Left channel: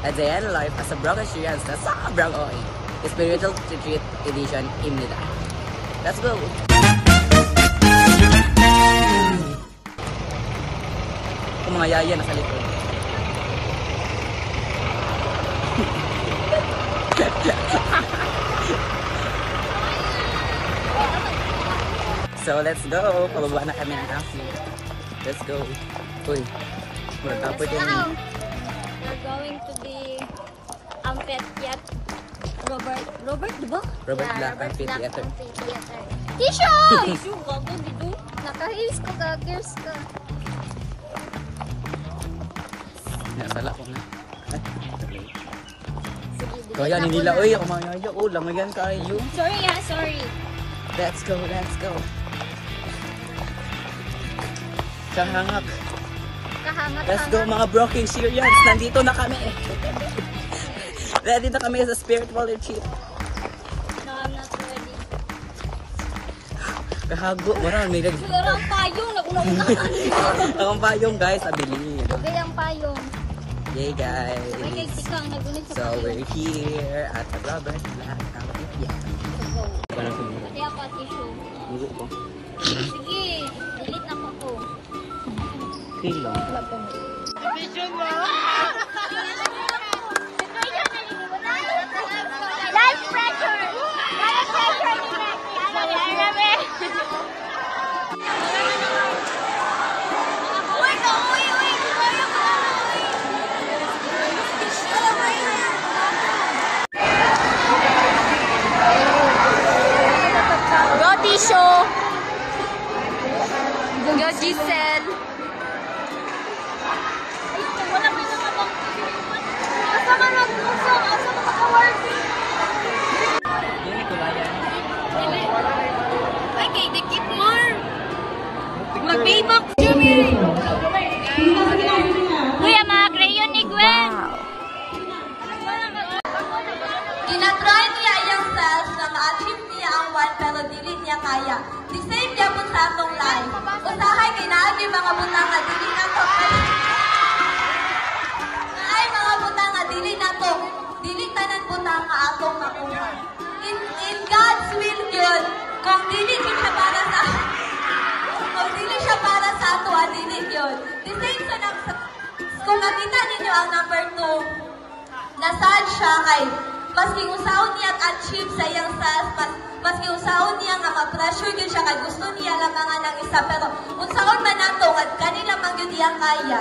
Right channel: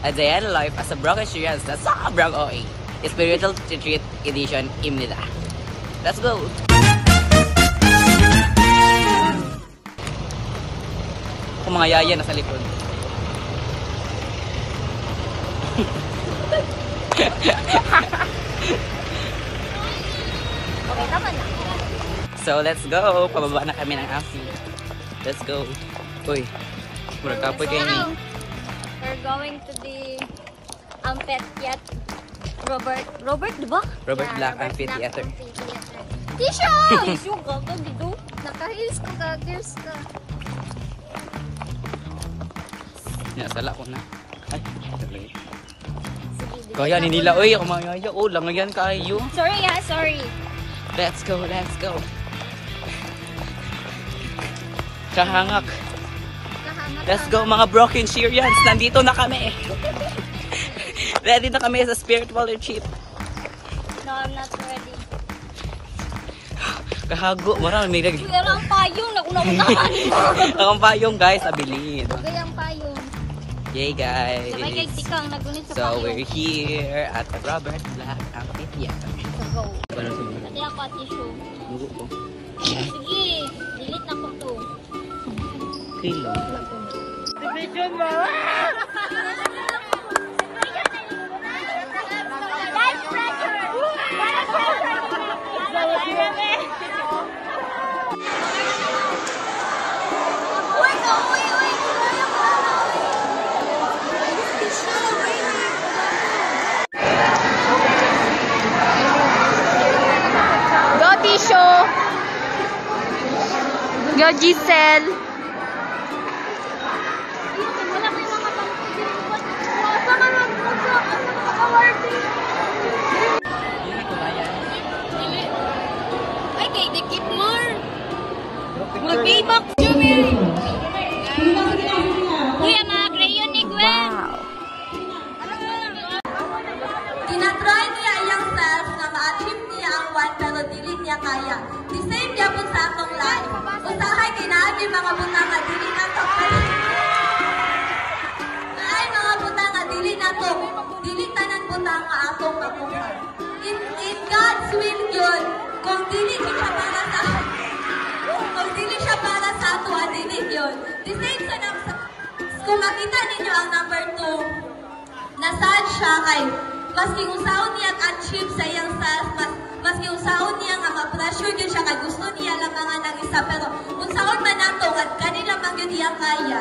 A day in life as a broken student sa sobrang OA. Spiritual Retreat Edition Imnida. Let's go! Kung mga yaya nasa likod. So let's go! Pababa na kami ng afi. Let's go! Uy, murag kapoy kayo ni. We're going to the Amphitheater. Robert, diba? Robert Black Amphitheater. Tisha! Tisha, gago, gido. Nakahils ko, gagils ka. Sala ko na. Ay, Sige, kaya ni nila, uy, ako mayaya. Oh, langayan kayo. Sorry ha, sorry. Let's go, let's go. Kahangak. Kahangat. Let's go mga broken Syrians. Nandito na kami. Ready na kami sa spiritual retreat. No, I'm not ready. Kahago. Marami may lagi. Wala ang payong. Nauna-unahan. Ang payong guys, abilin. Bigay ang payong. Yay guys. May kay tikang nagunit sa So payong. we're here at the Robert Black Amphitheater. So go. Parang sumunod. Pati ako at tissue. Bugo ko. Sige, delete na ko to. Okay lang. Wala po mo. Division mo! That's pressure! Walang pressure! Uy, ka! Uy! Uy! Kaya mo! Go, Tisho! Go, Giselle! Wala may mga bang asa man award. Okay, they keep more. Mag-payback. Kuya, mga crayon ni Gwen. Wow. Tinatry niya yung self na ma-achieve niya ang one pero dili niya kaya. The same niya po sa akong life. Usahay kay naagi mga butang na dili na to. Ay mga butang na dili na ko. Dili tanan butang ko akong makuha. In God's will yun, kung dili siya para sa kung dili siya para sa ako, dili yun. The same sa kung makita ninyo ang number 2, nasaan siya kay maski usaon niya achieve sa iyang self, maski usaon niya nga ma-pressure yun siya kay gusto niya lamangan ng isa, pero usaon man nato at kanina mag yun niya kaya.